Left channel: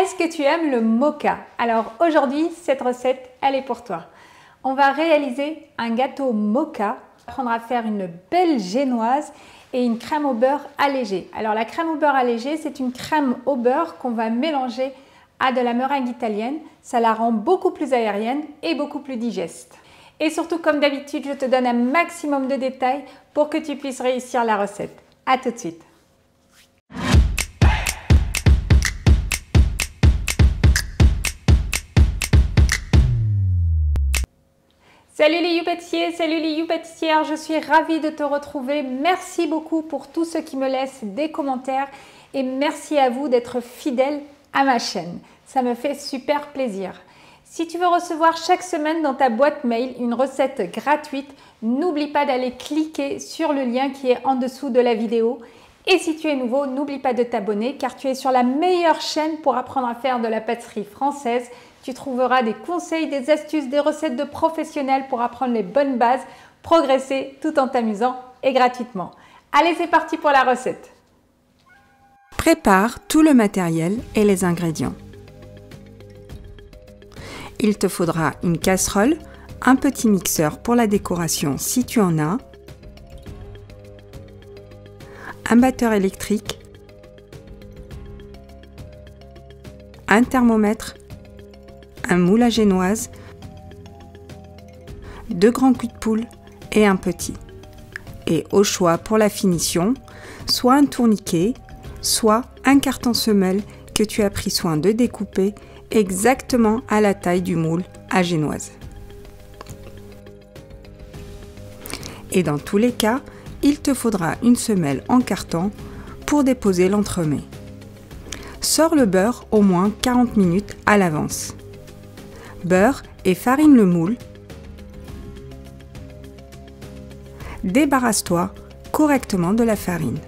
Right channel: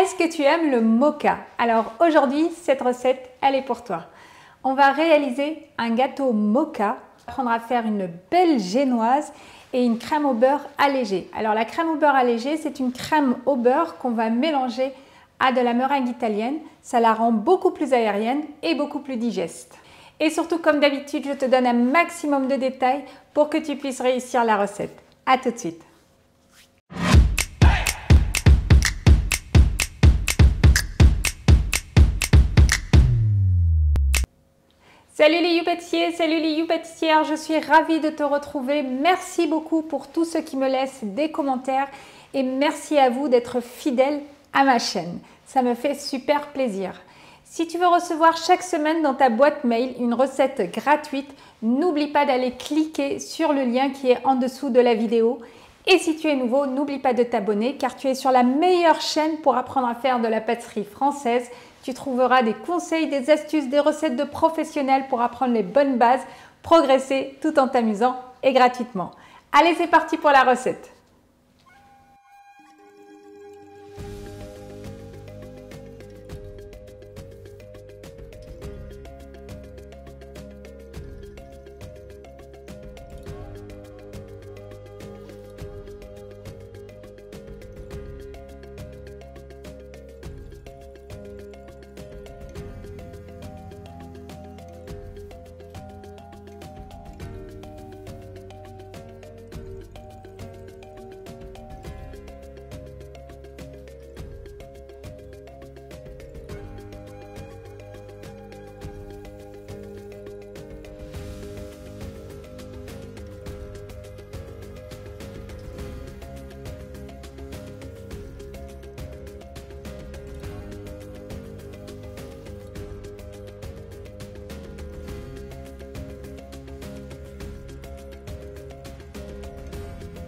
Est-ce que tu aimes le moka? Alors aujourd'hui, cette recette, elle est pour toi. On va réaliser un gâteau moka, apprendre à faire une belle génoise et une crème au beurre allégée. Alors la crème au beurre allégée, c'est une crème au beurre qu'on va mélanger à de la meringue italienne. Ça la rend beaucoup plus aérienne et beaucoup plus digeste. Et surtout, comme d'habitude, je te donne un maximum de détails pour que tu puisses réussir la recette. À tout de suite. Salut les You-pâtissiers, salut les You-pâtissières, je suis ravie de te retrouver. Merci beaucoup pour tous ceux qui me laissent des commentaires et merci à vous d'être fidèles à ma chaîne. Ça me fait super plaisir. Si tu veux recevoir chaque semaine dans ta boîte mail une recette gratuite, n'oublie pas d'aller cliquer sur le lien qui est en dessous de la vidéo. Et si tu es nouveau, n'oublie pas de t'abonner car tu es sur la meilleure chaîne pour apprendre à faire de la pâtisserie française. Tu trouveras des conseils, des astuces, des recettes de professionnels pour apprendre les bonnes bases, progresser tout en t'amusant et gratuitement. Allez, c'est parti pour la recette. Prépare tout le matériel et les ingrédients. Il te faudra une casserole, un petit mixeur pour la décoration si tu en as, un batteur électrique, un thermomètre, un moule à génoise, 2 grands culs de poule et un petit. Et au choix pour la finition, soit un tourniquet, soit un carton semelle que tu as pris soin de découper exactement à la taille du moule à génoise. Et dans tous les cas, il te faudra une semelle en carton pour déposer l'entremets. Sors le beurre au moins 40 minutes à l'avance. Beurre et farine le moule. Débarrasse-toi correctement de la farine.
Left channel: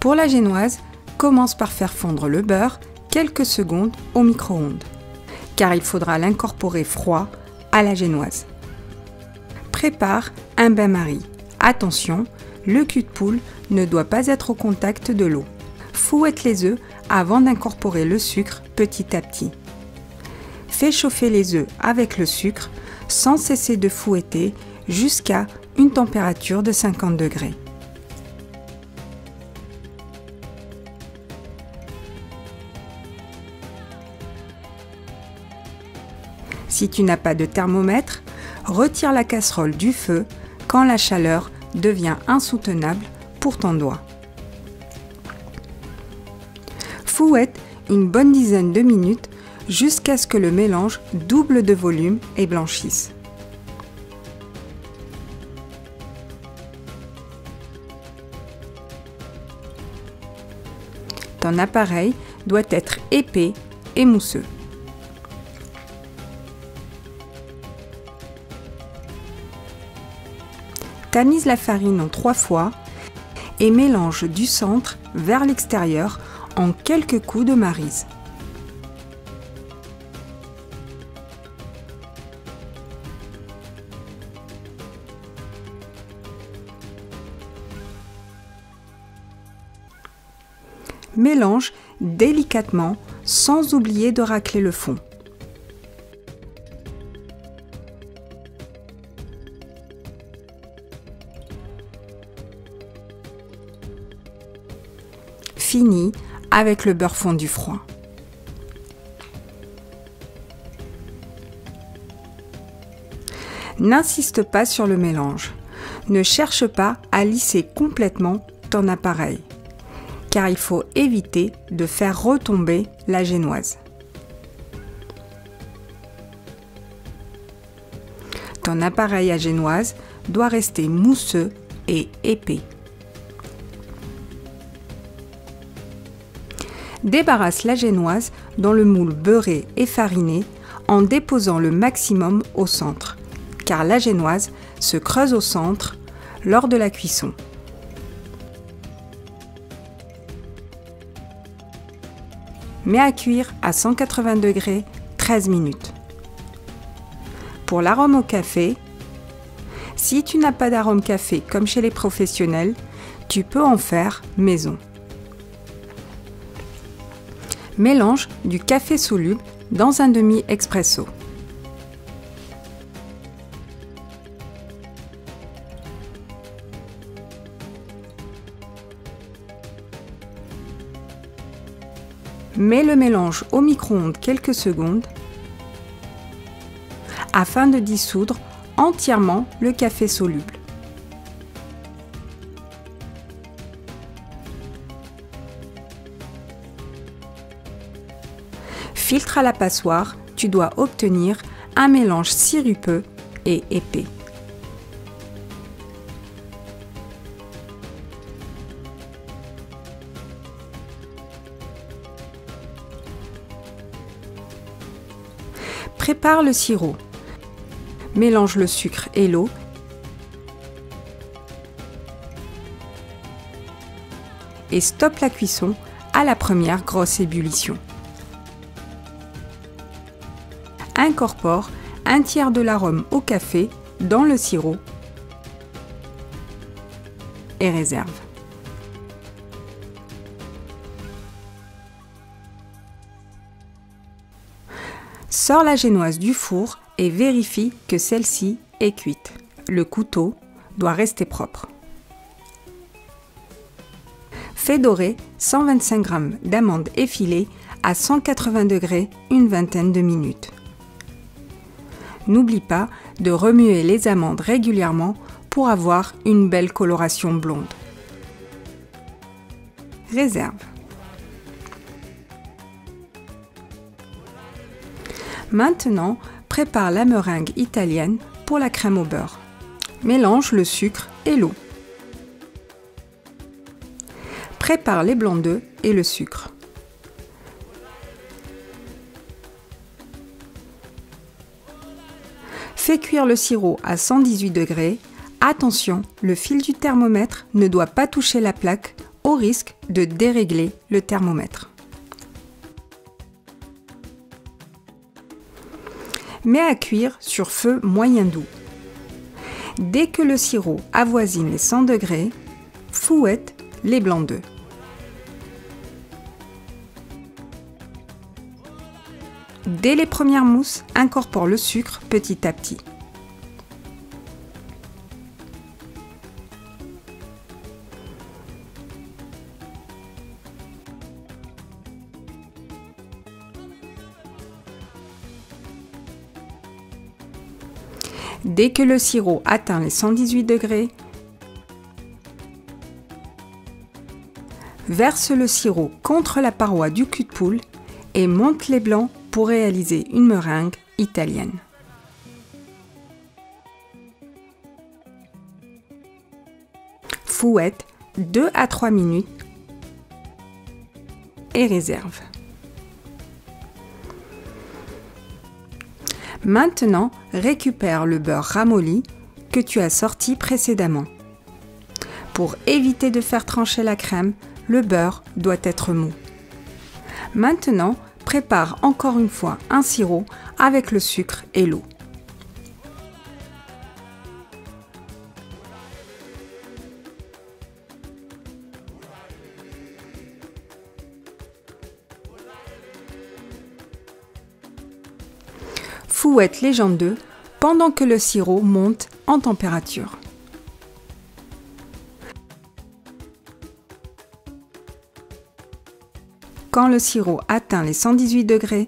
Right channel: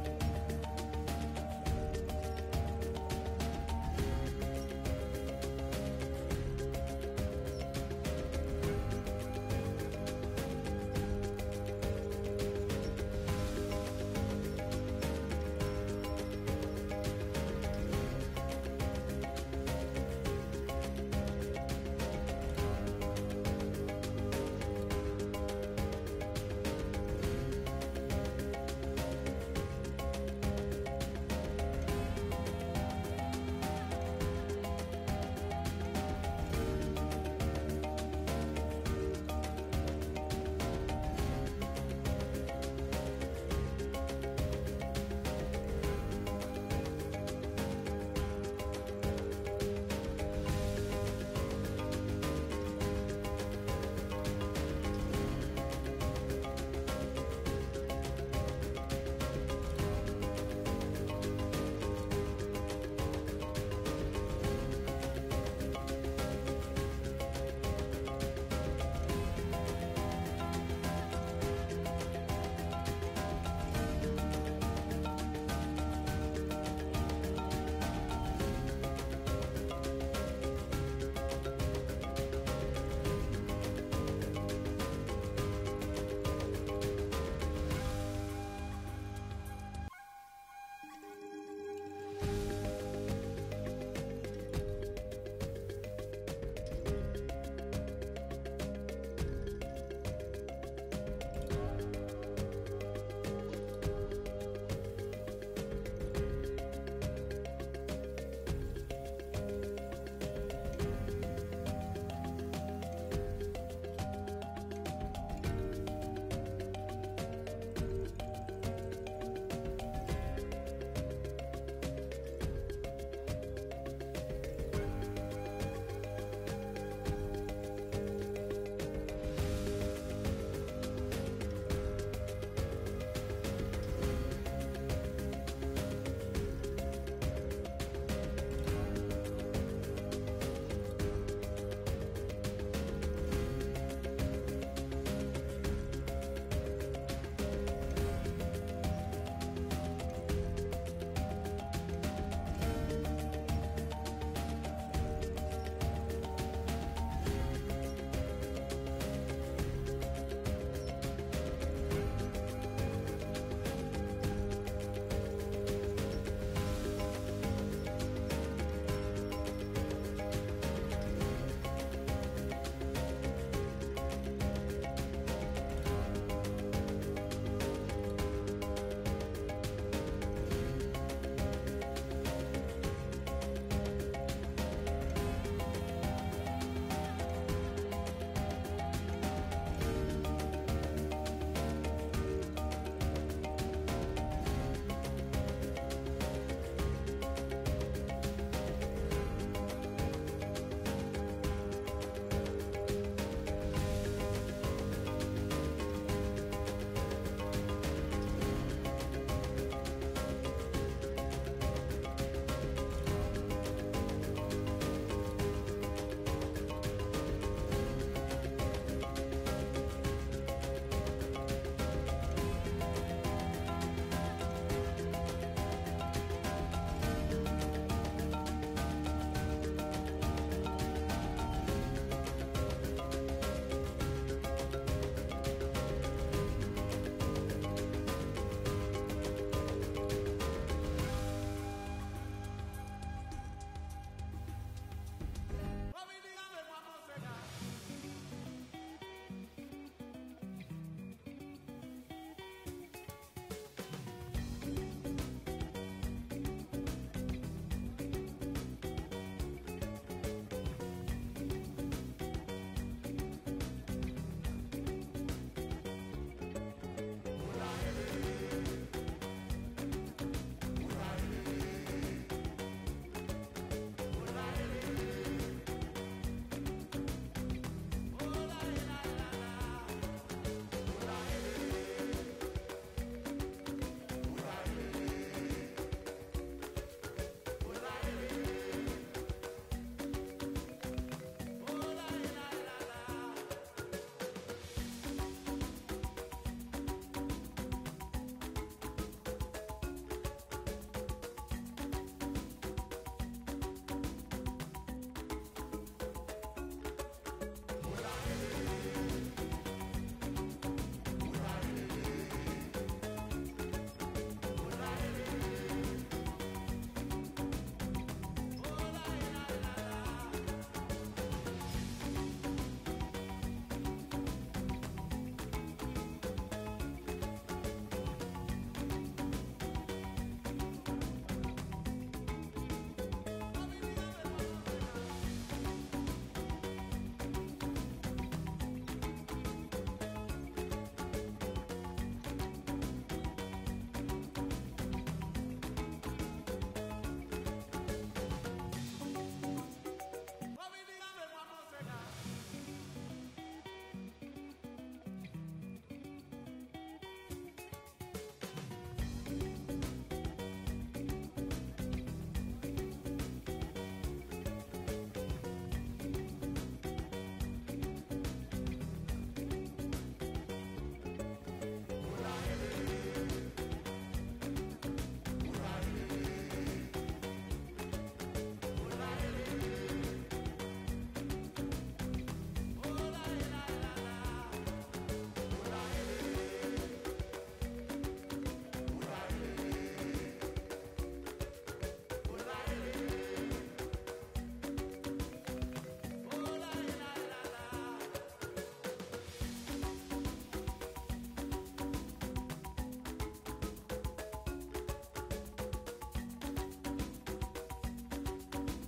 Pour la génoise, commence par faire fondre le beurre quelques secondes au micro-ondes, car il faudra l'incorporer froid à la génoise. Prépare un bain-marie. Attention, le cul de poule ne doit pas être au contact de l'eau. Fouette les œufs avant d'incorporer le sucre petit à petit. Fais chauffer les œufs avec le sucre sans cesser de fouetter jusqu'à une température de 50 degrés. Si tu n'as pas de thermomètre, retire la casserole du feu quand la chaleur devient insoutenable pour ton doigt. Fouette une bonne dizaine de minutes jusqu'à ce que le mélange double de volume et blanchisse. Ton appareil doit être épais et mousseux. Tamise la farine en 3 fois et mélange du centre vers l'extérieur en quelques coups de maryse. Mélange délicatement sans oublier de racler le fond. Fini avec le beurre fondu froid. N'insiste pas sur le mélange. Ne cherche pas à lisser complètement ton appareil, car il faut éviter de faire retomber la génoise. Ton appareil à génoise doit rester mousseux et épais. Débarrasse la génoise dans le moule beurré et fariné en déposant le maximum au centre, car la génoise se creuse au centre lors de la cuisson. Mets à cuire à 180 degrés 13 minutes. Pour l'arôme au café, si tu n'as pas d'arôme café comme chez les professionnels, Tu peux en faire maison. Mélange du café soluble dans un demi-expresso. Mets le mélange au micro-ondes quelques secondes afin de dissoudre entièrement le café soluble. Filtre à la passoire, tu dois obtenir un mélange sirupeux et épais. Prépare le sirop. Mélange le sucre et l'eau. Et stoppe la cuisson à la première grosse ébullition. Incorpore un tiers de l'arôme au café dans le sirop et réserve. Sors la génoise du four et vérifie que celle-ci est cuite. Le couteau doit rester propre. Fais dorer 125 g d'amandes effilées à 180 degrés une vingtaine de minutes. N'oublie pas de remuer les amandes régulièrement pour avoir une belle coloration blonde. Réserve. Maintenant, prépare la meringue italienne pour la crème au beurre. Mélange le sucre et l'eau. Prépare les blancs d'œufs et le sucre. Fais cuire le sirop à 118 degrés. Attention, le fil du thermomètre ne doit pas toucher la plaque au risque de dérégler le thermomètre. Mets à cuire sur feu moyen doux. Dès que le sirop avoisine les 100 degrés, fouette les blancs d'œufs. Dès les premières mousses, incorpore le sucre petit à petit. Dès que le sirop atteint les 118 degrés, verse le sirop contre la paroi du cul de poule et monte les blancs pour réaliser une meringue italienne. Fouette 2 à 3 minutes et réserve. Maintenant, récupère le beurre ramolli que tu as sorti précédemment. Pour éviter de faire trancher la crème, le beurre doit être mou. Maintenant, prépare encore une fois un sirop avec le sucre et l'eau. Fouette les jambes d'œufs pendant que le sirop monte en température. Quand le sirop atteint les 118 degrés,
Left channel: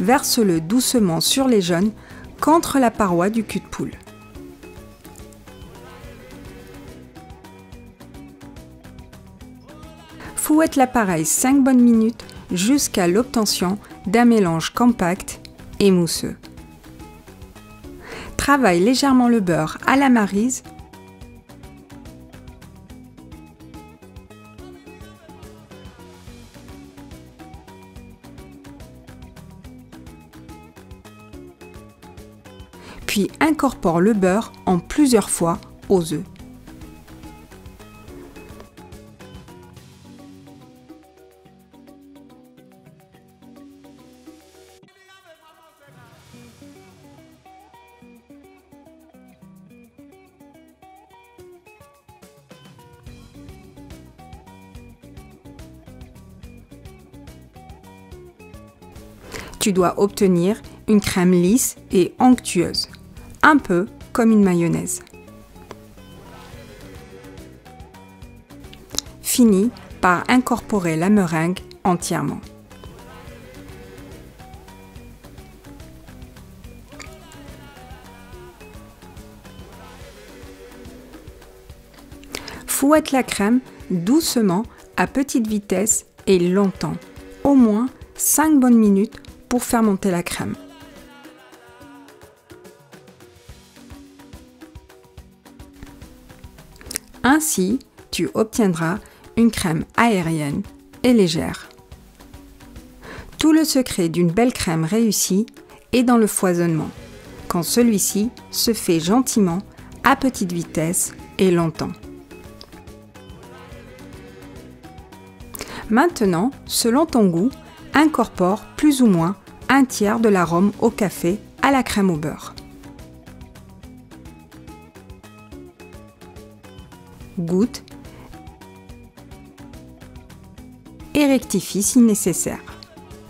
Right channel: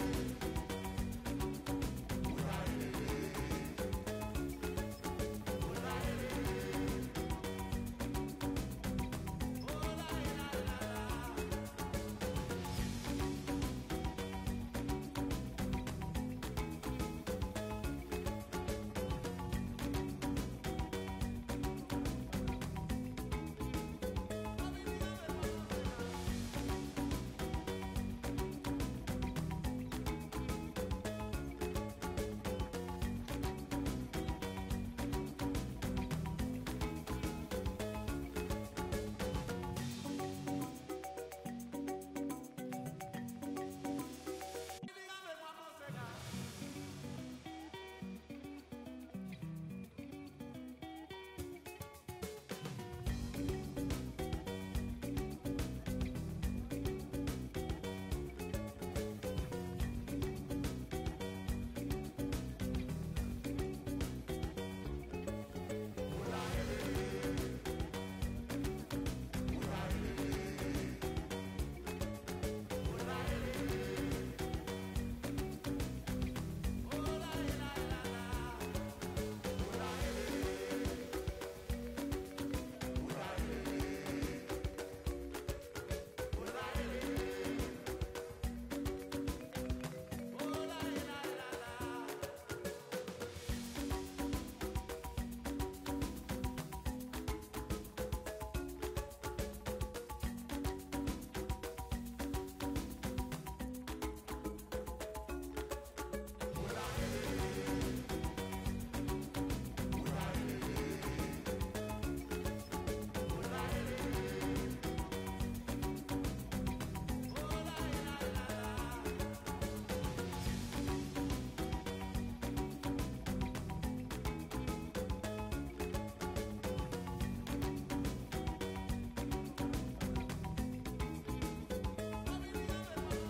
verse-le doucement sur les jaunes contre la paroi du cul de poule. Fouette l'appareil 5 bonnes minutes jusqu'à l'obtention d'un mélange compact et mousseux. Travaille légèrement le beurre à la maryse . Puis incorpore le beurre en plusieurs fois aux œufs. Tu dois obtenir une crème lisse et onctueuse, un peu comme une mayonnaise. Finis par incorporer la meringue entièrement. Fouette la crème doucement à petite vitesse et longtemps, au moins 5 bonnes minutes pour faire monter la crème. Ainsi, tu obtiendras une crème aérienne et légère. Tout le secret d'une belle crème réussie est dans le foisonnement, quand celui-ci se fait gentiment, à petite vitesse et longtemps. Maintenant, selon ton goût, incorpore plus ou moins un tiers de l'arôme au café à la crème au beurre. Goûte et rectifie si nécessaire.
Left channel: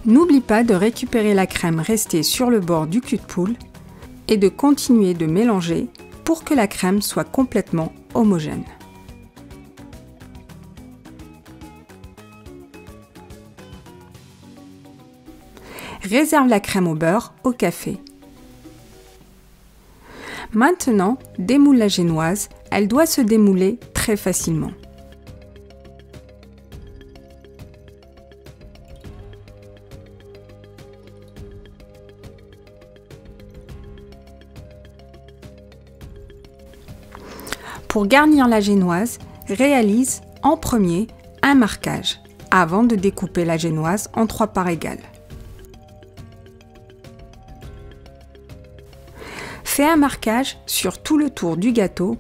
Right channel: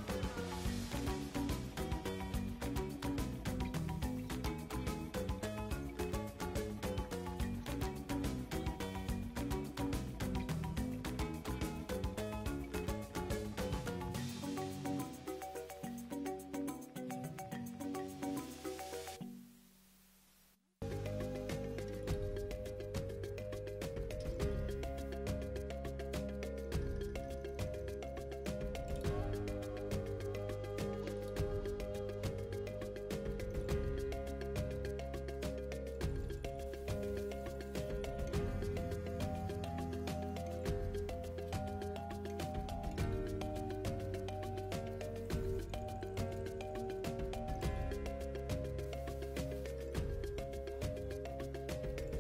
N'oublie pas de récupérer la crème restée sur le bord du cul de poule et de continuer de mélanger pour que la crème soit complètement homogène. Réserve la crème au beurre au café. Maintenant, démoule la génoise, elle doit se démouler très facilement. Pour garnir la génoise, réalise en premier un marquage avant de découper la génoise en 3 parts égales. Fais un marquage sur tout le tour du gâteau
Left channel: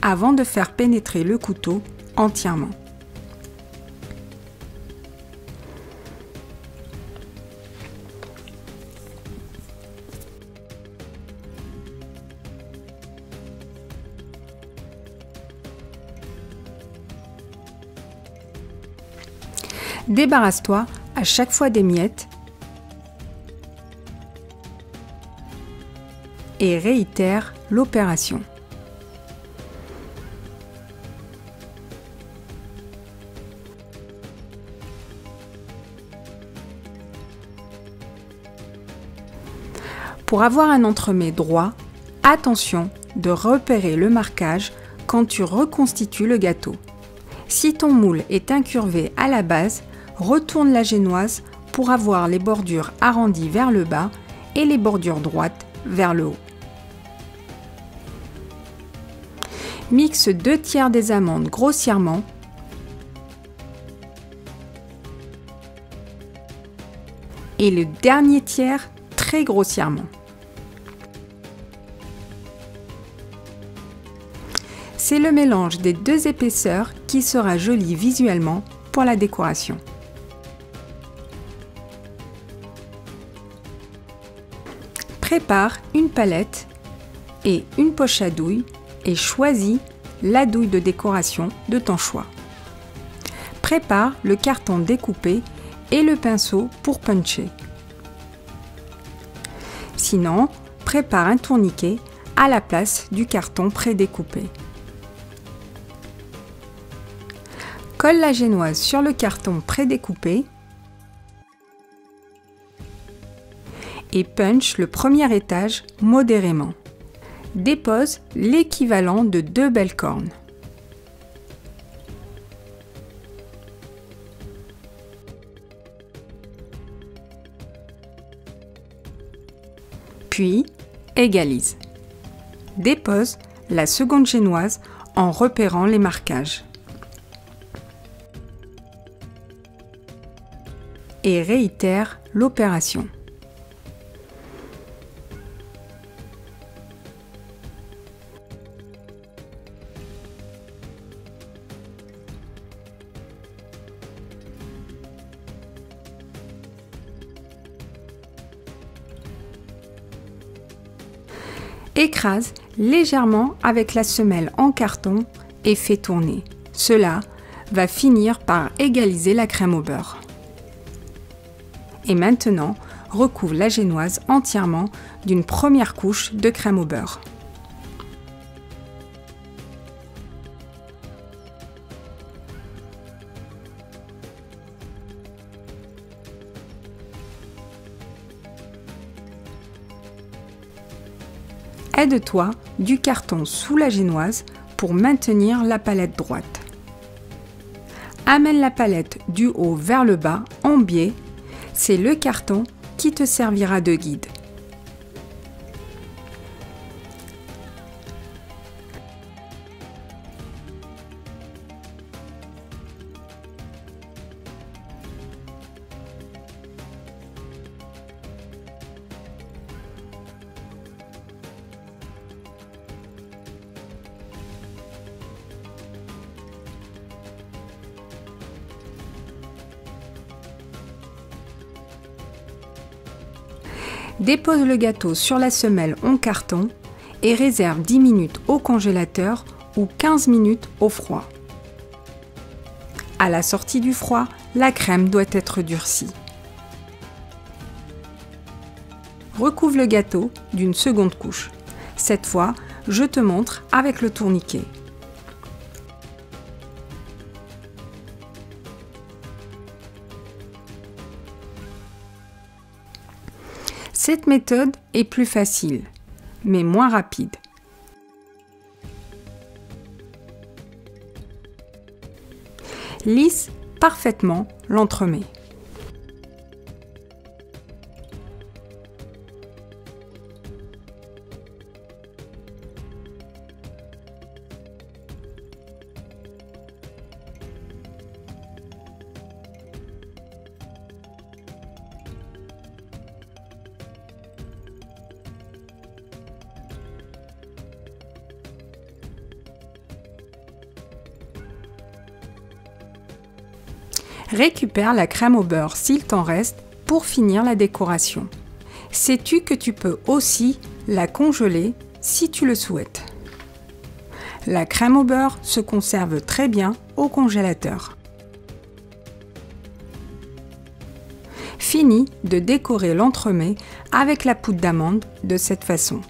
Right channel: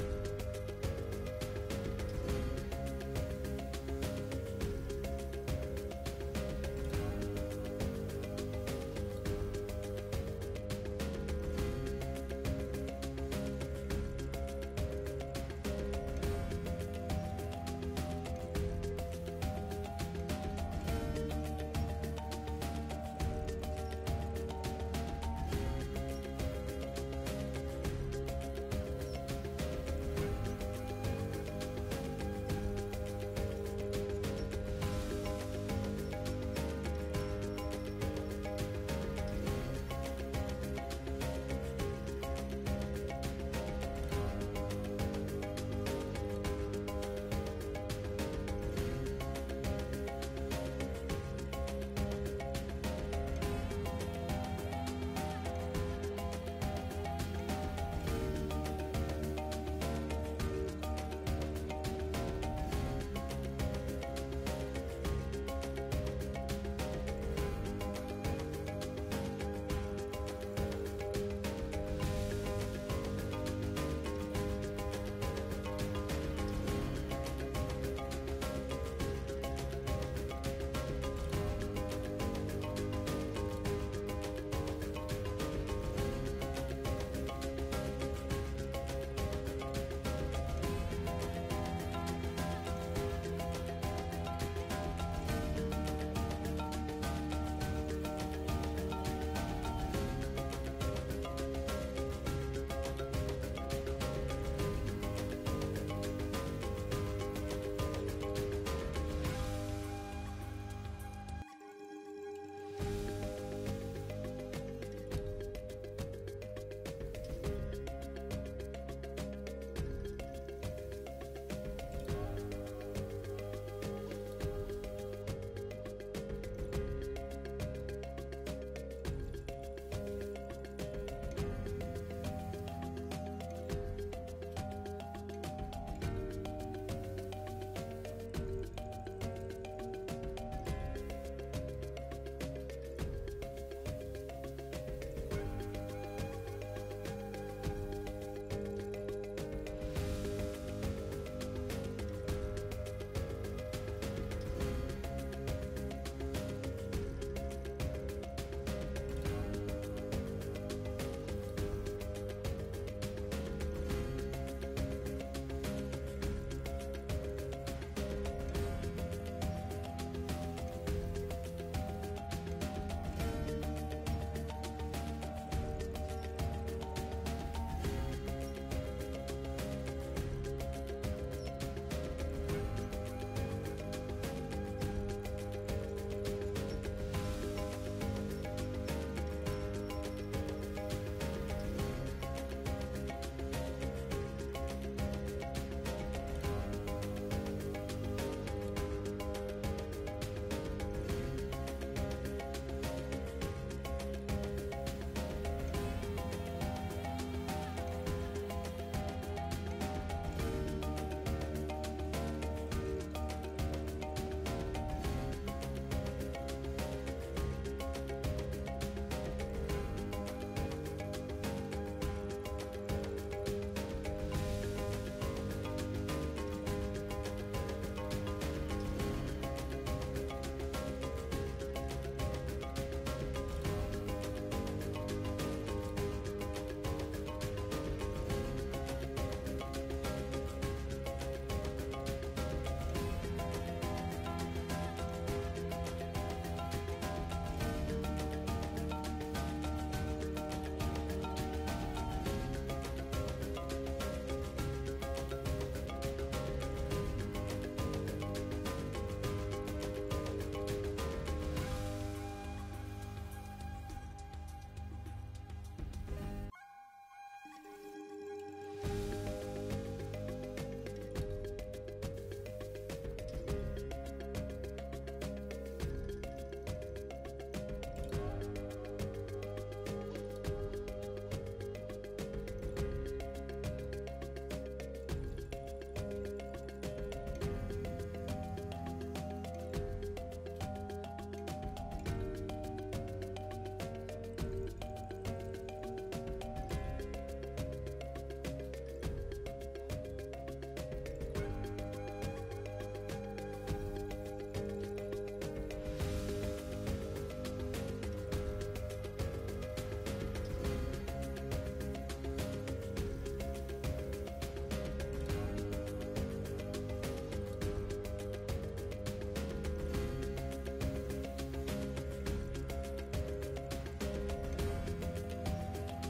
avant de faire pénétrer le couteau entièrement. Débarrasse-toi à chaque fois des miettes et réitère l'opération. Pour avoir un entremets droit, attention de repérer le marquage quand tu reconstitues le gâteau. Si ton moule est incurvé à la base, retourne la génoise pour avoir les bordures arrondies vers le bas et les bordures droites vers le haut. Mixe 2 tiers des amandes grossièrement et le dernier tiers très grossièrement. C'est le mélange des 2 épaisseurs qui sera joli visuellement pour la décoration. Prépare une palette et une poche à douille et choisis la douille de décoration de ton choix. Prépare le carton découpé et le pinceau pour puncher. Sinon, prépare un tourniquet à la place du carton prédécoupé. Colle la génoise sur le carton prédécoupé et punch le premier étage modérément. Dépose l'équivalent de 2 belles cornes. Puis, égalise. Dépose la seconde génoise en repérant les marquages. Et réitère l'opération. Écrase légèrement avec la semelle en carton et fais tourner. Cela va finir par égaliser la crème au beurre. Et maintenant, recouvre la génoise entièrement d'une première couche de crème au beurre. Aide-toi du carton sous la génoise pour maintenir la palette droite. Amène la palette du haut vers le bas en biais, c'est le carton qui te servira de guide. Dépose le gâteau sur la semelle en carton et réserve 10 minutes au congélateur ou 15 minutes au froid. À la sortie du froid, la crème doit être durcie. Recouvre le gâteau d'une seconde couche. Cette fois, je te montre avec le tourniquet. Cette méthode est plus facile, mais moins rapide. Lisse parfaitement l'entremets. Récupère la crème au beurre s'il t'en reste pour finir la décoration. Sais-tu que tu peux aussi la congeler si tu le souhaites. La crème au beurre se conserve très bien au congélateur. Finis de décorer l'entremets avec la poudre d'amande de cette façon.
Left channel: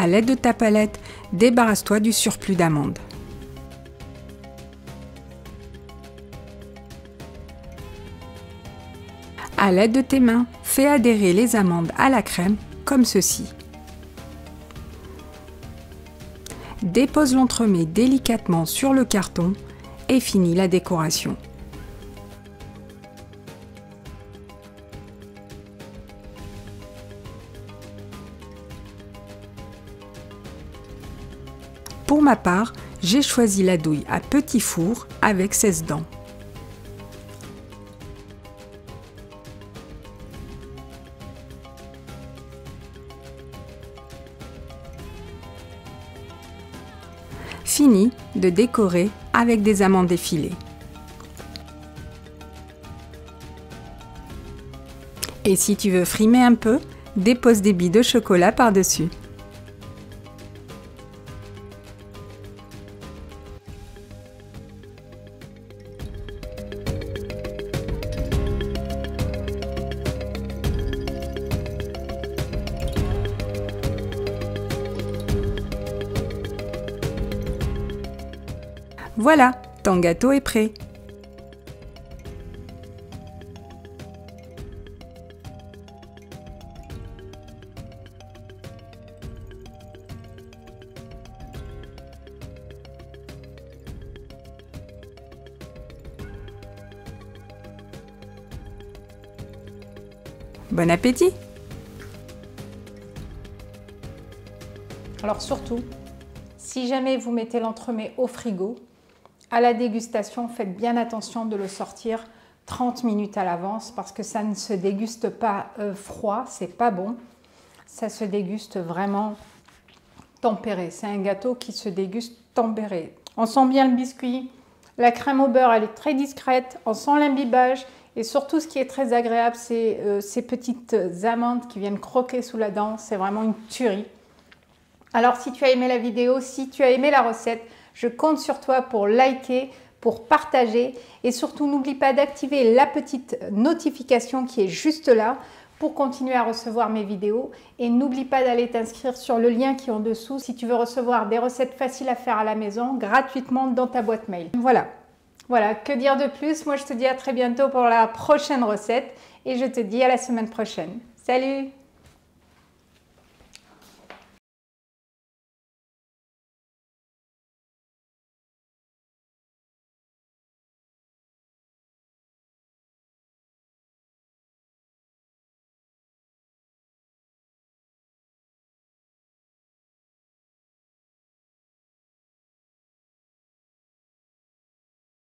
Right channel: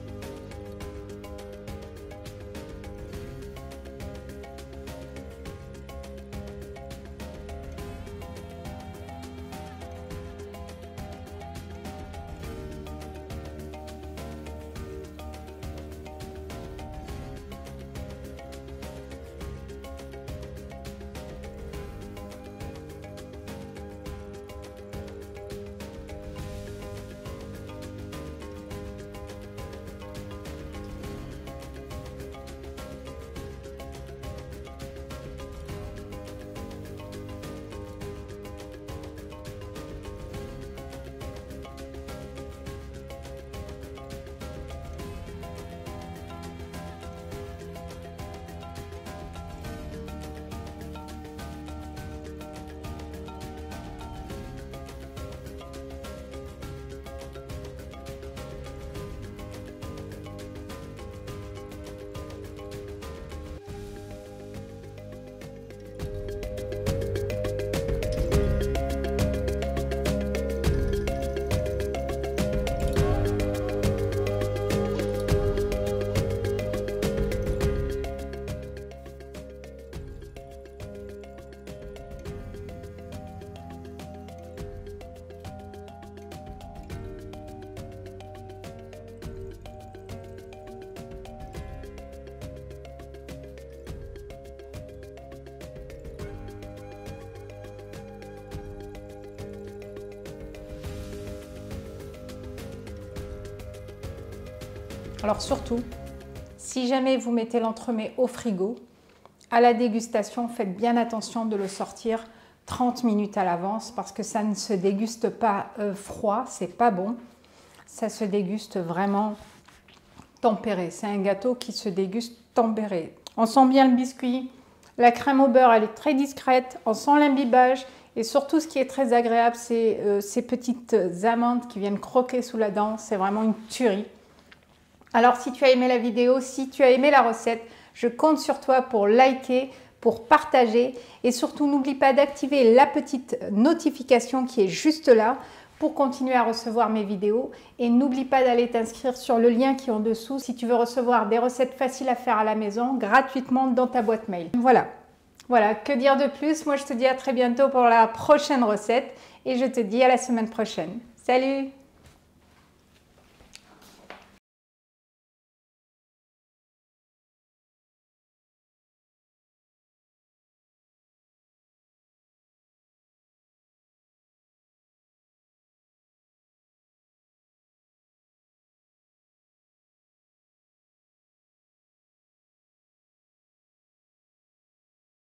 À l'aide de ta palette, débarrasse-toi du surplus d'amandes. À l'aide de tes mains, fais adhérer les amandes à la crème comme ceci. Dépose l'entremets délicatement sur le carton et finis la décoration. Pour ma part, j'ai choisi la douille à petit four avec 16 dents. Fini de décorer avec des amandes effilées. Et si tu veux frimer un peu, dépose des billes de chocolat par-dessus. Voilà, ton gâteau est prêt. Bon appétit! Alors surtout, si jamais vous mettez l'entremets au frigo, à la dégustation, faites bien attention de le sortir 30 minutes à l'avance parce que ça ne se déguste pas froid, c'est pas bon. Ça se déguste vraiment tempéré. C'est un gâteau qui se déguste tempéré. On sent bien le biscuit. La crème au beurre, elle est très discrète. On sent l'imbibage. Et surtout, ce qui est très agréable, c'est ces petites amandes qui viennent croquer sous la dent. C'est vraiment une tuerie. Alors, si tu as aimé la vidéo, si tu as aimé la recette, je compte sur toi pour liker, pour partager. Et surtout, n'oublie pas d'activer la petite notification qui est juste là pour continuer à recevoir mes vidéos. Et n'oublie pas d'aller t'inscrire sur le lien qui est en dessous si tu veux recevoir des recettes faciles à faire à la maison gratuitement dans ta boîte mail. Voilà, que dire de plus? Moi, je te dis à très bientôt pour la prochaine recette et je te dis à la semaine prochaine. Salut!